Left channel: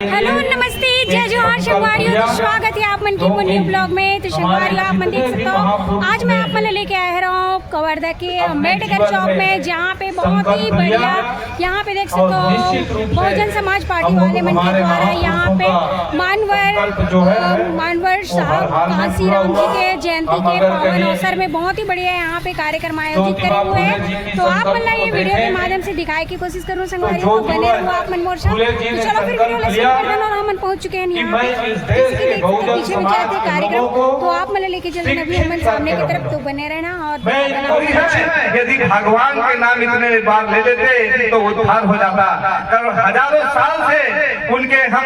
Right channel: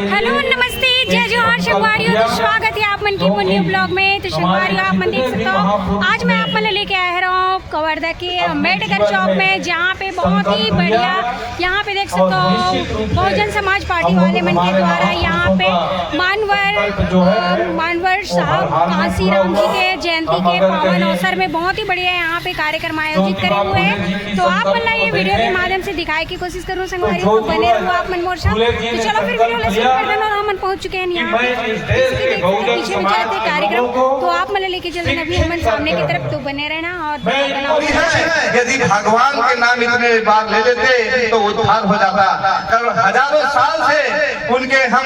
Hello नमस्ते जय जोहार शंकवारियों। तो स्वागत है आप मन की न्यू ब्लॉग में। तो शंकवारियों आप मन देख सकते हो आज मैं आप मन लेके आ रहा हूँ कवर्धा के अम्बेडकर चौक में, जहाँ पे बहुत ही बढ़िया यहाँ पे देख सकते हो बहुजन समाज पार्टी वाले मन के द्वारा यहाँ पे मानवर साहब कांसी राम जी के जयंती के पावन अवसर में बहुत ही बढ़िया यहाँ पे कार्यक्रम आयोजित करे हुए हैं। तो आप मन ये वीडियो के माध्यम से दिखाए की कोशिश करूँ संगवारियों, तो बने रहो आप मन मोर साथ। तो चलो फिर वीडियो और हम पहुंच चुके हैं यहाँ पे तो पीछे में चलते कार्यक्रम, तो आप मन लेके चलते हैं अभी हम सामने की तरफ। तो बने रहना और यदि भगवान के नाम इतने बार ले लेते तो उद्धार हो जाता। हजारों साल से उनके हम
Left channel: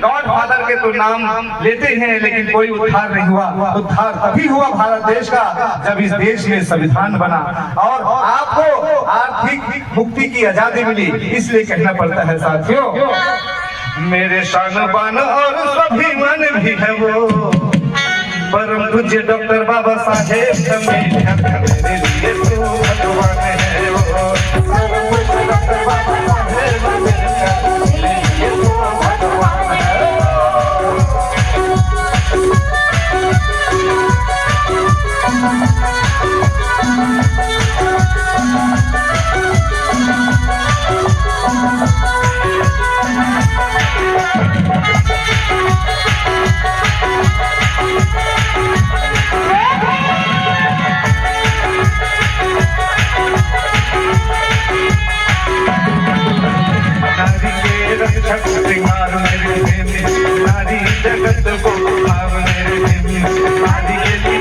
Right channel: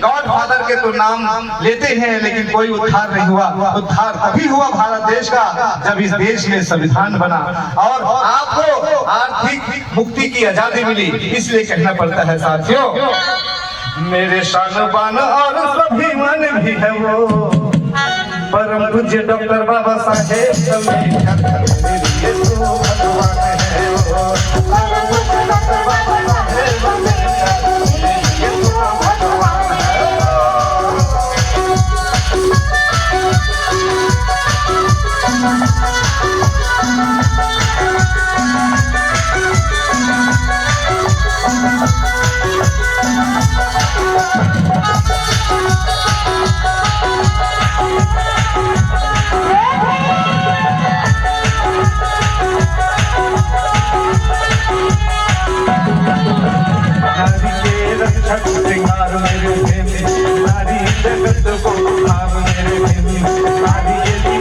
गॉड फादर के तो नाम लेते हैं, लेकिन कोई उद्धार नहीं हुआ। उद्धार तभी हुआ भारत देश का जब इस देश में संविधान बना और आपको आर्थिक मुक्ति की आजादी मिली। इसलिए कहना पड़ता है साथियों, मेरे शान बान और सभी मन भी है वो परम पूज्य डॉक्टर बाबा साहेब अम्बेडकर, मेरे लिए तो भगवान है वो परम पूज्य डॉक्टर बाबा साहेब अम्बेडकर, मेरे लिए तो भगवान है। नारी जगत को भाव मेरे प्रेमी, नारी के लिए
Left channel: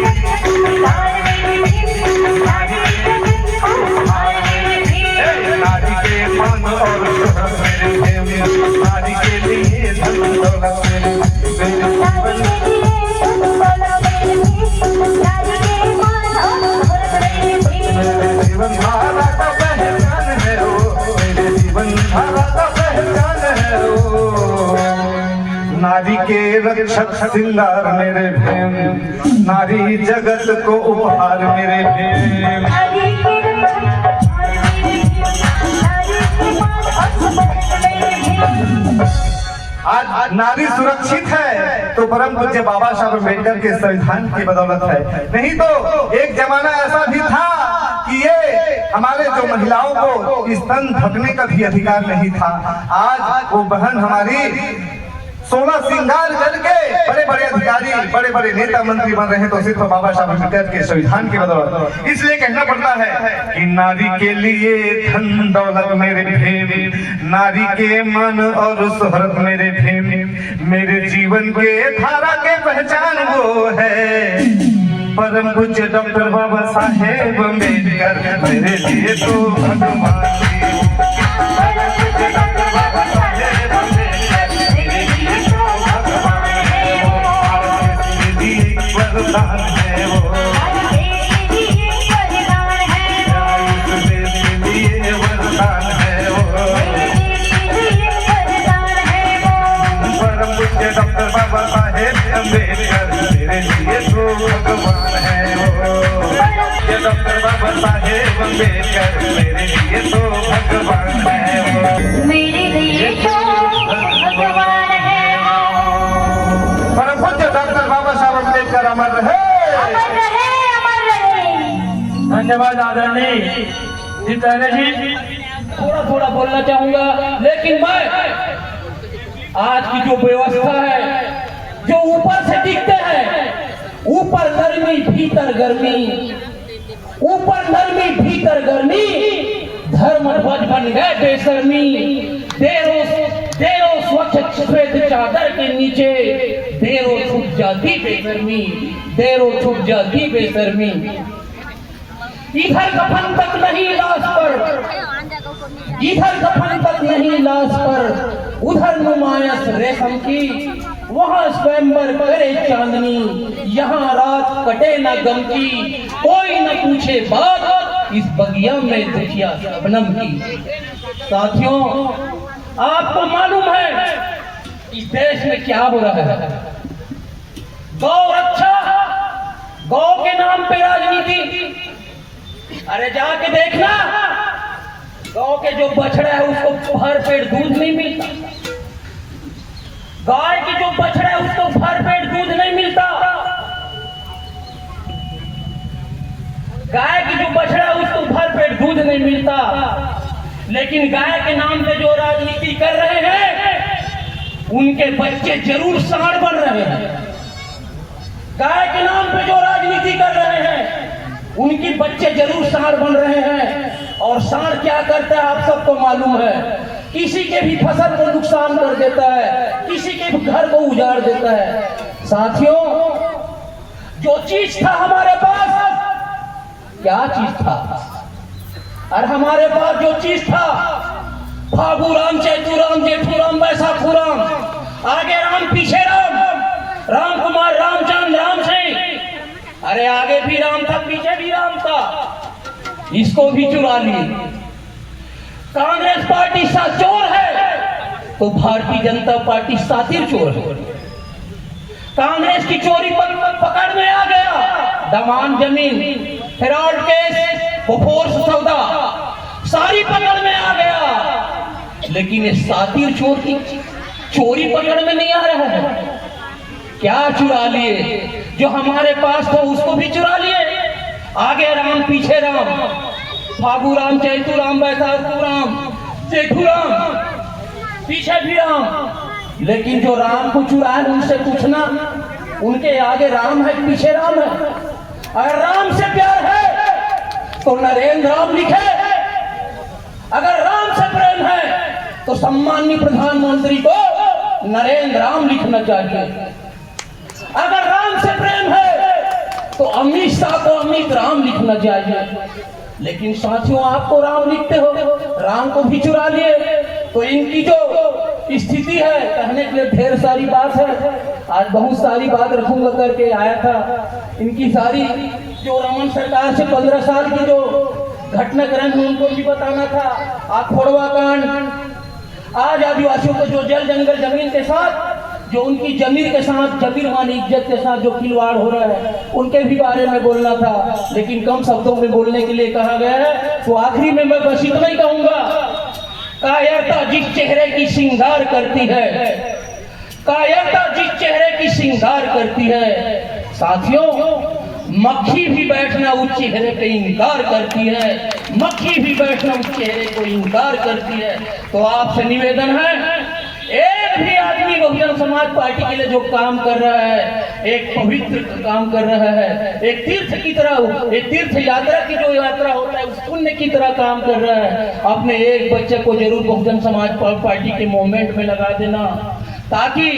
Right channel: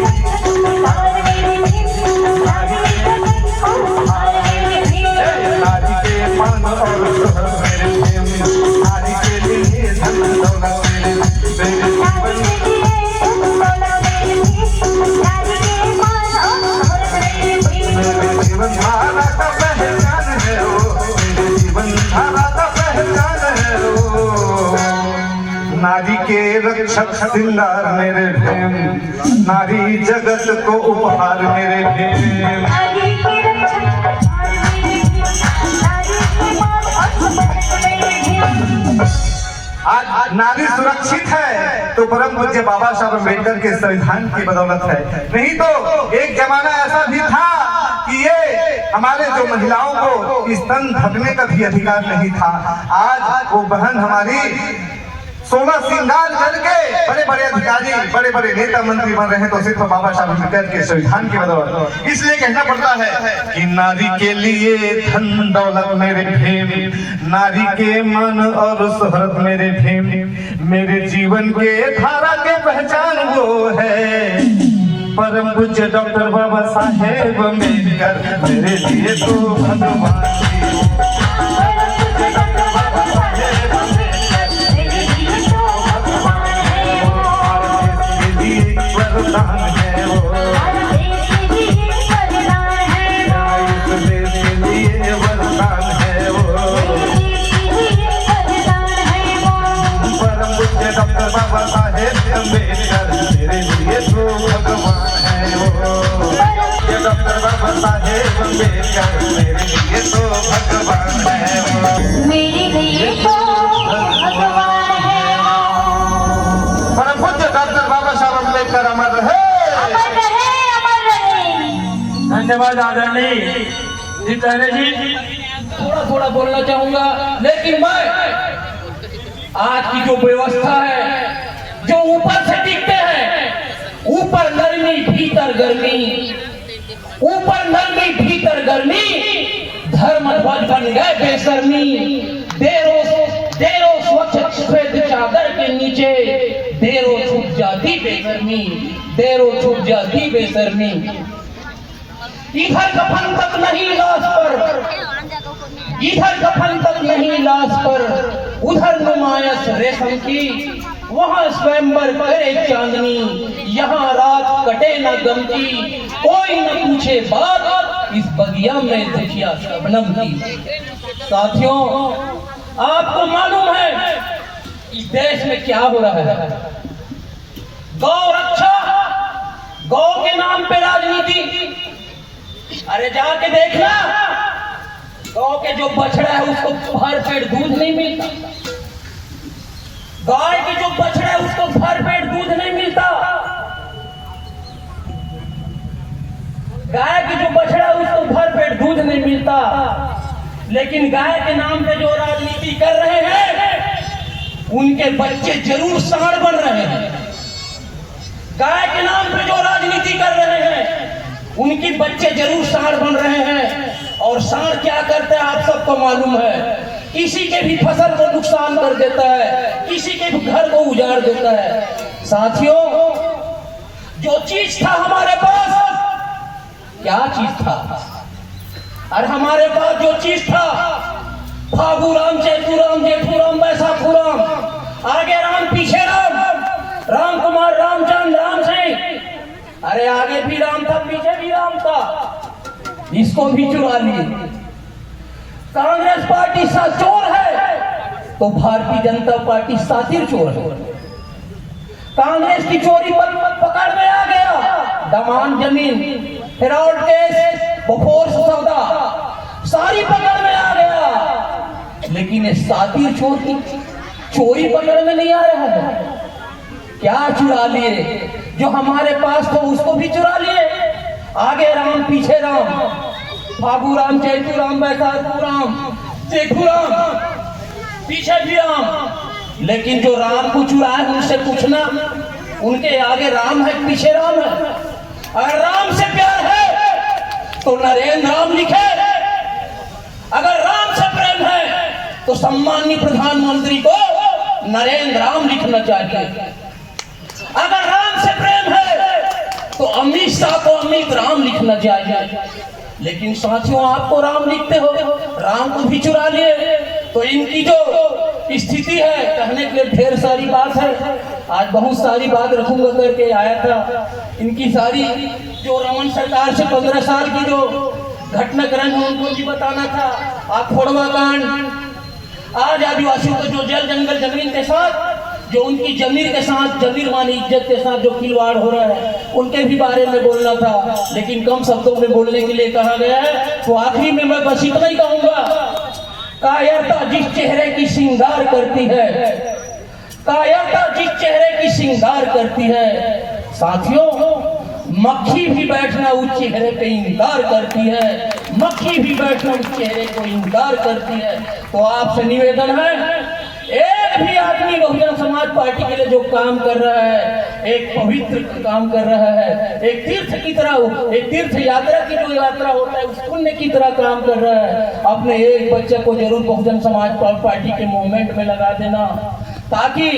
नारी के मन और शोहरत मेरे प्रेमी, नारी के लिए धन दौलत मेरे जीवन धारा का पहचान है वो, मेरे जीवन धारा का पहचान है वो। नारी के रक्षक श्रृंगार मेरे प्रेम, नारी जगत को उपहार मेरे प्रेम। आज नारी सुरक्षित है तो परम पूज्य बाबा साहब अम्बेडकर के संविधान की बदौलत है। नहीं तो एक जमाना ऐसा भी था कि ये हमारे जो महिलाओं को स्तन ढकने का भी अधिकार नहीं था। आज वो बहन हमारी 16 श्रृंगार करके बड़े बड़े अधिकारी बड़े बड़े नेता मंत्री बन रहे हैं, तो सिर्फ बाबा साहब अम्बेडकर के संविधान की बदौलत। इसलिए कहना पड़ता है कि नारी के लिए धन दौलत मेरे प्रेम, नारी के मन और शोहरत मेरे प्रेम, मेरे जीवन के धारा के पहचान वो है परम पूज्य डॉक्टर बाबा साहेब अम्बेडकर, मेरे लिए तो भगवान डॉक्टर बाबा साहेब अम्बेडकर, मेरे लिए तो भगवान है वो डॉक्टर बाबा साहेब अम्बेडकर, मेरे लिए तो भगवान है वो, मेरे लिए तो भगवान है वो। परम पूज्य डॉक्टर बाबा साहेब अम्बेडकर अमर रहे, अमर रहे, अमर रहे। धन्यवाद आदरणीय जितेंद्र जी। थोड़ा बोलना चाहूंगा, लेकिन मैं आज की जो व्यवस्था है, जो ऊपर से दिखते हैं, ऊपर गर्मी भीतर गर्मी, ऊपर गर्मी भीतर गर्मी, धर्म ध्वज बन गए बेशर्मी। देरो स्वच्छ सफेद चादर के नीचे देरो छुप जाती बेशर्मी, देरो छुप जाती बेशर्मी। इधर कफन तक नहीं लाश पर, इधर कफन तक नहीं लाश पर, उधर नुमाइश रेशम की, वहाँ स्वयंवर करे चांदनी, यहाँ रात कटे न गम की, कोई न पूछे बात इस बगिया में देखिया शबनम की। साथियों, आपको मालूम है इस देश में क्या हो रहा है? गौ रक्षा, गौ के नाम पे राजनीति। अरे जाके देखना, गौ के जो बछड़ा है उसको भर पेट दूध नहीं मिलता। गाय की जो बछड़ा है उसको भरपेट दूध नहीं मिलता। गाय की जो बछड़ा है उसको भरपेट दूध नहीं मिलता। लेकिन गाय के नाम पे जो राजनीति कर रहे हैं उनके बच्चे जरूर सांड बन रहे हैं। गाय के नाम पे जो राजनीति कर रहे हैं उनकी बच्चे जरूर सांड बन रहे हैं। और सांड क्या करता है आप सबको मालूम है, किसी के भी फसल को नुकसान कर देता है, किसी के भी घर को उजाड़ देता है। साथियों, जो चीज था हमारे पास, क्या चीज था? और हमारे पास जो चीज था, फागू राम, चैतू राम, जेठू राम, बैसाखू राम, आगे राम पीछे राम, राम कुमार, रामचंद्र, राम सिंह, अरे आगे भी राम था पीछे भी राम था, इसको भी चुरा लिए। कांग्रेस पार्टी चोर है तो भारतीय जनता पार्टी सातिर चोर है। कांग्रेस की चोरी पकड़ में आ गया, दमान जमीन, फ्रॉड केस, बोफोर्स सौदा, सारी पकड़ में आ गया। लेकिन ये सातिर चोर की चोरी पकड़ में नहीं आ रहा है। क्या चुरा लिए? जो हमारे पास था उसको भी चुरा लिए। आगे राम पीछे राम, फागू राम, चैतू राम, बैसाखू राम, जेठू राम, पीछे भी राम। लेकिन जो राम को चुरा है उनसे पूछना, उनके आगे राम है पीछे राम है। अगर राम से प्यार है तो नरेंद्र राम लिखे, अगर राम से प्रेम है तो सम्माननीय प्रधानमंत्री को नरेंद्र राम लिखना चाहिए। अगर राम से प्रेम है तो अमित शाह को अमित राम लिखना चाहिए। लेकिन साथियों, आप तो राम लिखते हो, राम को भी चुरा लिए। तो इनकी जो स्थिति है, कहने के लिए ढेर सारी बात है, आज बहुत सारी बात रखूंगा करके आया था। इनकी सारी जो रमन सरकार से 15 साल की जो घटनाक्रम है उनको भी बताना था। आप फोड़वा कांड, आज आदिवासियों को जो जल जंगल जमीन के साथ, जो उनकी जमीर के साथ, जमीर मानी इज्जत के साथ जो खिलवाड़ हो रहा है, उनके भी बारे में बोलना था। लेकिन कम शब्दों में बोलने के लिए कहा गया है। तो आखिरी में मैं बस इतना ही कहूंगा, कायरता जिस चेहरे की श्रृंगार करती है, कायरता जिस चेहरे की श्रृंगार करती है, साथियों, मक्खी भी बैठना उस चेहरे पे इनकार करती है, मक्खी भी बैठना उस चेहरे को इनकार करती है। तो आपसे निवेदन है, एक भी आदमी बहुजन समाज पार्टी के लिए जो काम कर रहा है, एक पवित्र काम कर रहा है, एक तीर्थ की तरह, एक तीर्थ यात्रा की जो यात्रा होता है उस पुण्य की तरह काम कर रहा है। अपने एक बच्चे को जरूर बहुजन समाज पार्टी के मूवमेंट में लगा देना, ताकि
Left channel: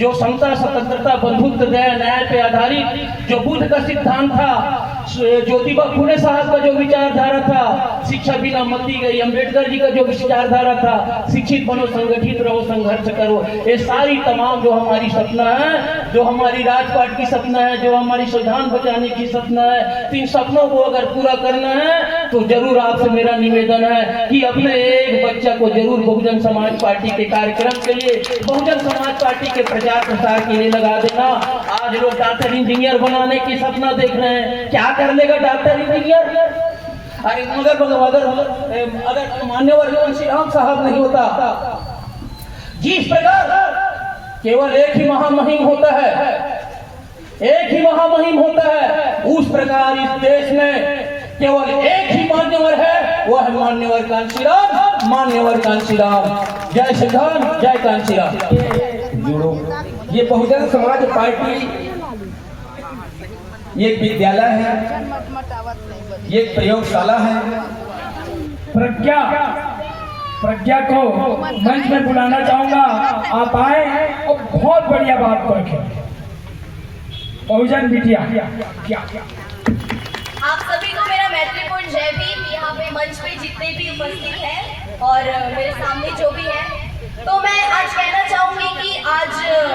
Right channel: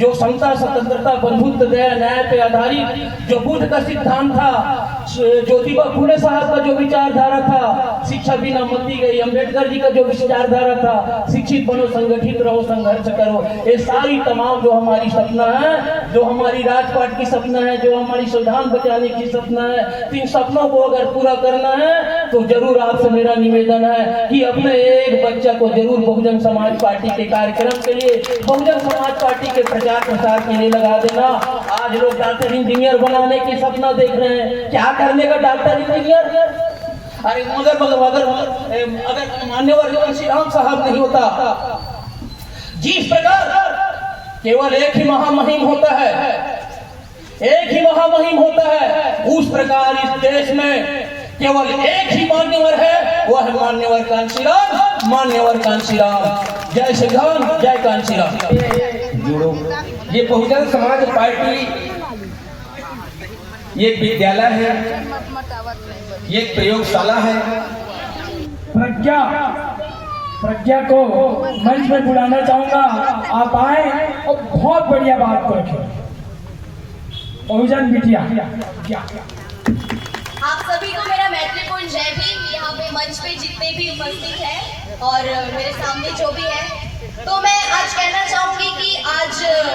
जो समता, स्वतंत्रता, बंधुत्व, दया, न्याय पे आधारित जो बुद्ध का सिद्धांत था, ज्योतिबा फुले साहब का जो विचारधारा था, शिक्षा बिना मती गई, अंबेडकर जी का जो विचारधारा था, शिक्षित बनो, संगठित रहो, संघर्ष करो, ये सारी तमाम जो हमारी सपना है, जो हमारी राजपाट की सपना है, जो हमारी संविधान बचाने की सपना है, इन सपनों को अगर पूरा करना है तो जरूर आपसे मेरा निवेदन है कि अपने एक बच्चा को जरूर बहुजन समाज पार्टी के कार्यक्रम के लिए, बहुजन समाज पार्टी के प्रचार प्रसार के लिए लगा देना। आज लोग डॉक्टर इंजीनियर बनाने की सपना देख रहे हैं, क्या कर लेगा डॉक्टर इंजीनियर? अरे अगर मान्यवर कांशी राम साहब नहीं होता, जिस प्रकार केवल एक ही महामहिम होता है, एक ही महामहिम होता है, उस प्रकार इस देश में केवल एक ही मान्यवर है, वह है मान्यवर कांशी राम, मान्यवर कांशी राम। जय संविधान, जय कांशी राम। जुड़ो। ये बहुजन समाज पार्टी ये एक विद्यालय है, ये एक प्रयोगशाला है। प्रज्ञा को मंच में बुलाना चाहूंगा, आप आए और बहुत बढ़िया बात को रखें। बहुजन बिटिया, आप सभी को मेरा मैत्रीपूर्ण जय भीम। यहाँ पे मंच पे जितने भी उपस्थित हैं और मेरे सामने जो भी है, तो मैं आज कहना चाहूंगी कि आज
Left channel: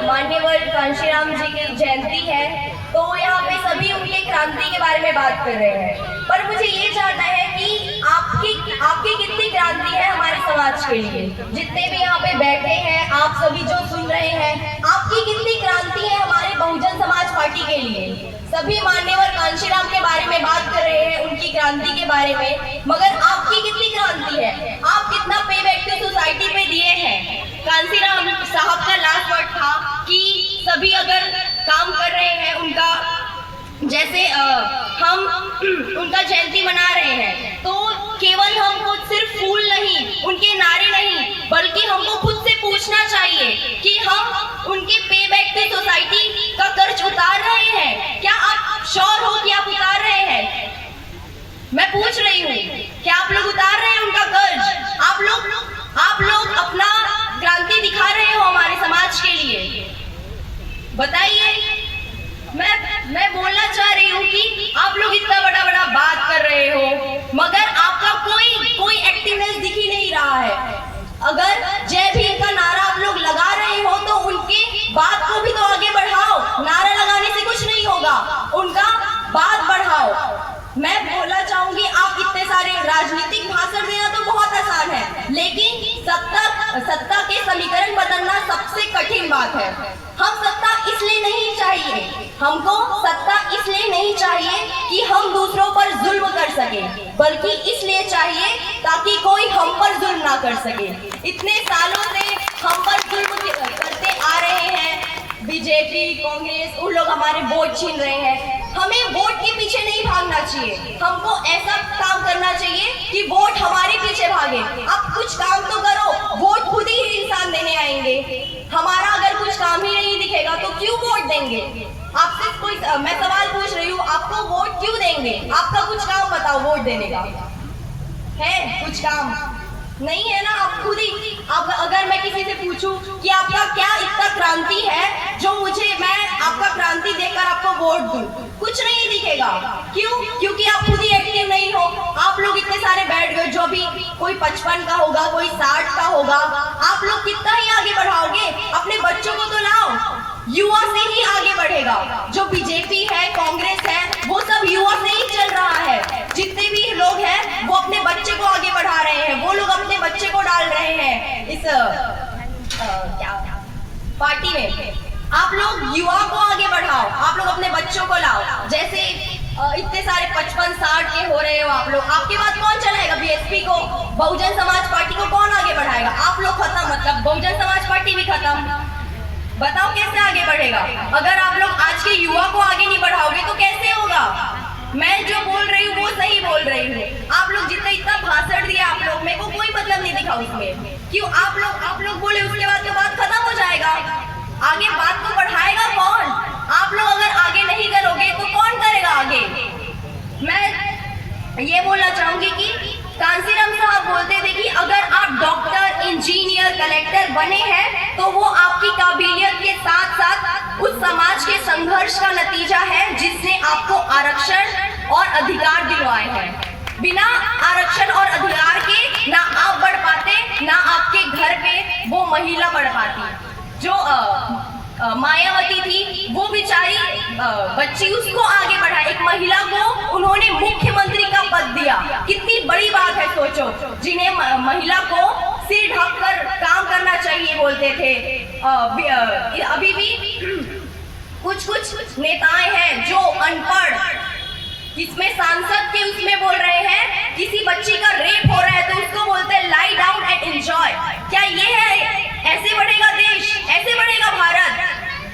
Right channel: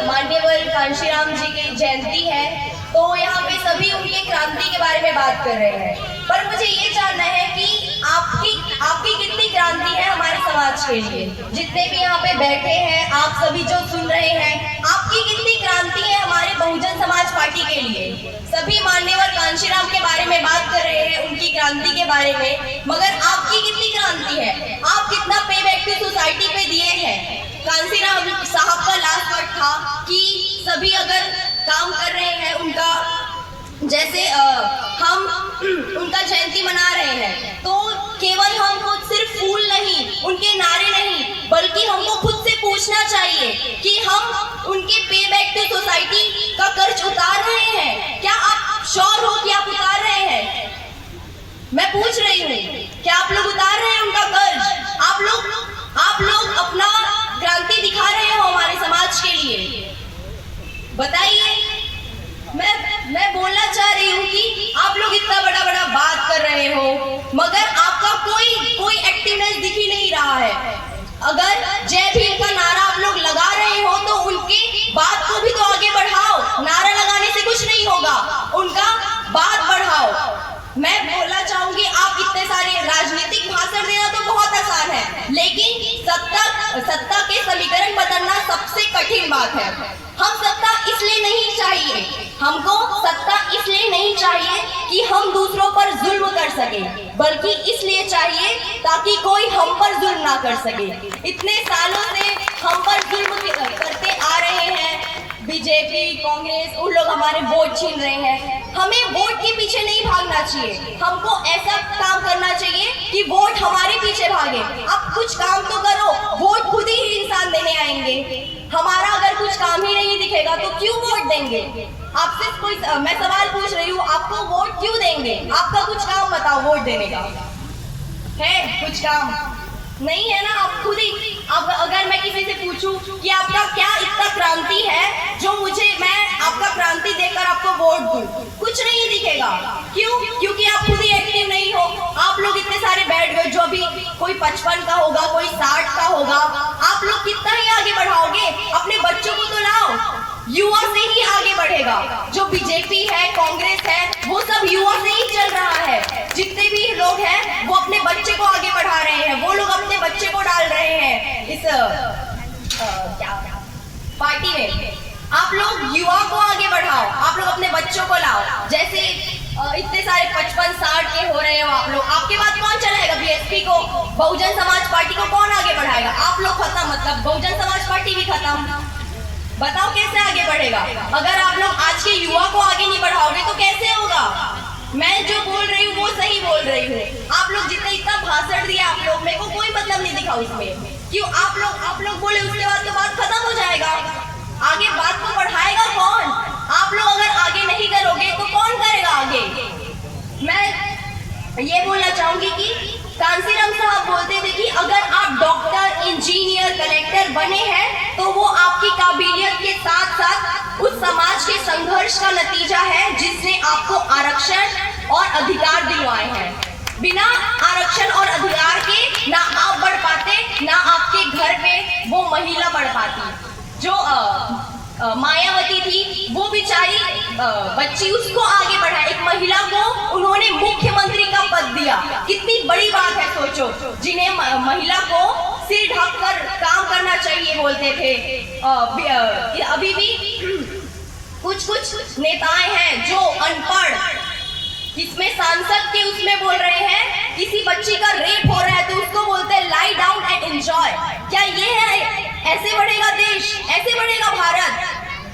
मान्यवर कांशीराम जी की जयंती है, तो यहाँ पे सभी उनके क्रांति के बारे में बात कर रहे हैं। पर मुझे ये जानना है कि आपकी कितनी क्रांति है हमारे समाज के लिए। जितने भी यहाँ पे बैठे हैं, आप सभी जो सुन रहे हैं, आपकी कितनी क्रांति है हमारे बहुजन समाज पार्टी के लिए। सभी मान्यवर कांशीराम के बारे में बात कर रहे हैं, उनकी क्रांति के बारे में, मगर आपकी कितनी क्रांति है? आप कितना पे बैक टू सोसाइटी पे दिए हैं? कांशीराम साहब का लास्ट वर्ड था सभी अगर काम कर रहे हैं उनका, जैसे हम उनका जयंती मना रहे हैं, तो केवल हमको सिर्फ फूल नहीं, उनके नारे नहीं, बल्कि हमको खुद से पूछना चाहिए कि हम उनके पे बैक टू सोसाइटी का कर्ज उतार रहे हैं। क्या आप श्योर हो कि आप उतार रहे हैं? मैं पूछ रही हूँ, क्या आप लोग उतार रहे हैं उनका कर्ज? आप लोग अपना क्रांति दिखा रहे हो हमारे समाज के लिए? बताइए। मैं बोलना चाह रही हूँ कि आप लोग इतना बड़ा बात कर रहे हो, मगर आपका कोई एक्टिवनेस दिख ही नहीं रहा है। अगर जय भीम का नारा आप लोग लगा रहे हो तो उनके बात को भी तो आगे बढ़ाओ। नारा लगाने से कुछ नहीं होगा, उनका बात बढ़ाओ। मैं बोलना चाहूंगी, आप इतने सारे राजनीतिक भाषण देना तो बहुत आसान है, लेकिन सत्ता के समीकरण बदलना सबसे कठिन बात है। हम सत्ता इसलिए नहीं चाहिए, हमको सत्ता इसलिए नहीं चाहिए कि हम दूसरों पर जुल्म कर सके, बल्कि इसलिए चाहिए ताकि कोई हम पर जुल्म ना कर सके। इतने सालों से हम पर जुल्म करते आ रहे हैं बीजेपी, कांग्रेस, उन लोग हमारे वोट छीन रहे हैं। हमें वोट के पीछे नहीं भागना चाहिए, हमको ऐसा काम करना चाहिए कि वोट हमारे पीछे भागे। आप कुछ काम तो करो, वोट खुद ही इंसान देने आएंगे। हमारा अगर कुछ काम ही नहीं दिखेगा तो क्यों वोट देंगे? आपसे मैं सवाल पूछ रही हूँ, आपको वोट क्यों देंगे? आपका कुछ काम बताओ वोट देने का है? कुछ काम नहीं है ना। आप खुद ही, अब अगर मैं किसी से पूछूं कि आपका क्या इतना क्रांति है जो मैं आपका क्रांति देखकर आपको वोट दूं, कुछ नहीं दिखेगा। क्यों? क्योंकि आप खुद ही एक्टिव नहीं हो। आप लोग इतने सारे बैठ गए, जो भी कोई 55 का होगा, कोई 60 का होगा, आप लोग कितना ही आगे बढ़ाओगे? अपने बच्चों को तो लाओ, युवा से ही आगे बढ़ेगा। जो बीजेपी है, कांग्रेस है, वो सब युवा से ही चल रहा है। जितने भी लोग हैं वो अपने बच्चे को आगे बढ़ा रहे हैं, वो लोग अपने बच्चे को डाल रहे हैं इस पार्टी में। आप लोग युवा को आगे बढ़ाओ, आप लोग अपने बच्चों को लाओ। जैसे इतने सारे 55-60 के हो रहे हो आप लोग, आपके बाद कौन चलाएगा? बीएसपी को, बहुजन समाज पार्टी को कौन आगे बढ़ाएगा? आप लोग खत्म, मतलब बहुजन समाज पार्टी भी खत्म। बताओ कैसे आगे बढ़ेगा? अगर आप लोग आज के युवा को आगे नहीं बढ़ाओगे तो कैसे होगा? मैं जो बोल रही हूँ वो सही बोल रही हूँ। आप लोग जितना इतना भाषण दिया, आप लोग, मेरे को कोई मतलब नहीं दिखा उसमें। क्यों? आप लोग बोले, उसके बाद तो बात खत्म हो जाएगा। आगे बात को बढ़ाएगा कौन? आप लोग अगर आगे नहीं करोगे तो कौन करेगा आगे? मैं ये बोलना चाहूंगी कि कांसीराम साहब बोलते थे कि अगर आप डॉक्टर, इंजीनियर, कलेक्टर बने हैं तो वो आपकी काबिलियत के साथ साथ उस समाज के संघर्ष का नतीजा है जिसने आपको आरक्षण और अधिकार दिलवाए हैं। बिना आरक्षण और अधिकार के ना आप बढ़ पाते, ना आपके घर पे वो महिला बढ़ पाती। जो मायावती थी, वो बेचारी बच्ची, उसको आगे बढ़ा, एक महिला को उन्होंने मुख्यमंत्री का पद दिया। कितनी बड़ी बात है, सोचो। जिन्हें महिला को सिर ढककर काम करना चाहिए बोलते थे, अभी भी कुछ नेताएं हैं जो अनपढ़, इसमें सांसद के उसमें बोल रहे हैं किसी बच्ची का रेप हो रहा है तो उसको बोलते हैं लाई डाउन एंड एंजॉय। क्या ये है? ऐसे बढ़ेगा देश? ऐसे बढ़ेगा भारत?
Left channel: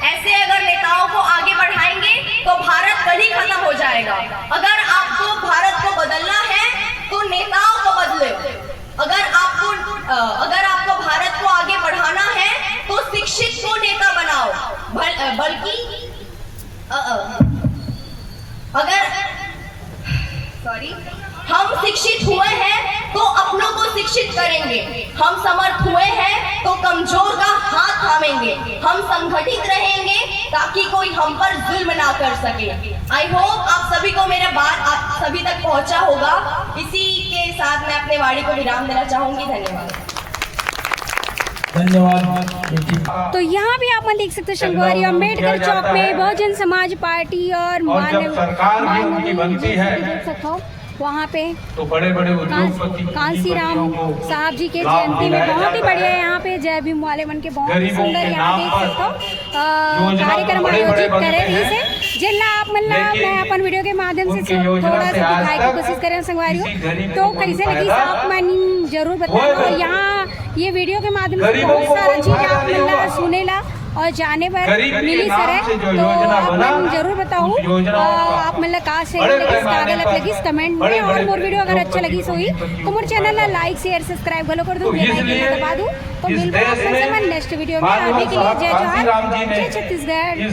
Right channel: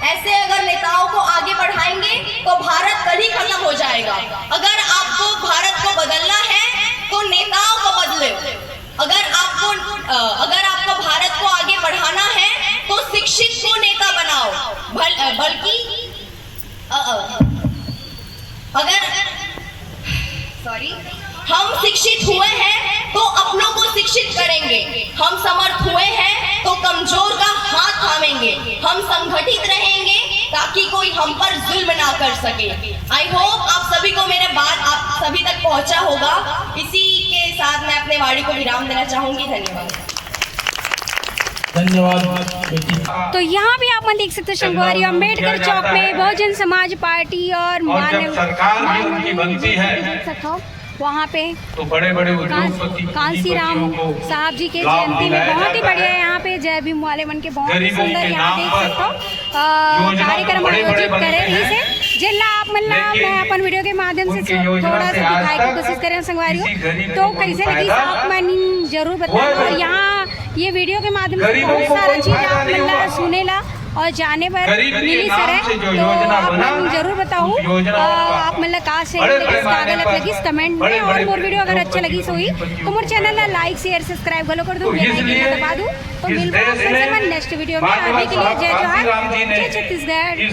ऐसे अगर नेताओं को आगे बढ़ाएंगे तो भारत कभी खत्म हो जाएगा। अगर आपको भारत को बदलना है तो नेताओं को बदले। अगर आपको भारत को आगे बढ़ाना है तो शिक्षित को नेता बनाओ, बल्कि हम शिक्षित हुए हैं तो अपनों को शिक्षित करेंगे, हम समर्थ हुए हैं तो कमजोर का हाथ थामेंगे, हम संगठित रहेंगे ताकि कोई हम पर जुल्म ना कर सके। आई होप आप सभी को मेरा बात आप सभी तक पहुंचा होगा। इसी के साथ मैं अपने वाणी को विराम देना चाहूंगी। धन्यवाद। तो यहाँ भी आप देख सकते हो शंकुवारी अम्बेडकर चौक में बहुजन समाज पार्टी और मानव बनती है, देख सकते हो वहाँ पे तो बड़े कांसीराम साहब जी के जयंती में बहुत ही बढ़िया यहाँ पे जय भीम वाले मन के बहुत ही सुंदर यहाँ देख सकते हो कार्यक्रम आयोजित करे रही से जिला आप मतलब मैं अपन वीडियो के माध्यम से थोड़ा सा दिखाने की कोशिश करें संगवारियों, तो कैसे लगी आप मन जरूर बताना। और यहाँ ये वीडियो के माध्यम से बहुत सारा चीज आप मतलब सुनेला और जाने पर मिली सर है तो आप मन जरूर बताओ आप मतलब कहाँ से लगी गलत लगी कमेंट में। और मोर वीडियो अगर अच्छा लगी सोई तो मोर चैनल ला लाइक शेयर सब्सक्राइब गलो कर दूँ, बेल आइकन दबा दूँ। तो मिलबो आप मन से नेक्स्ट वीडियो में। अभी के लिए जय जोहार, जय छत्तीसगढ़।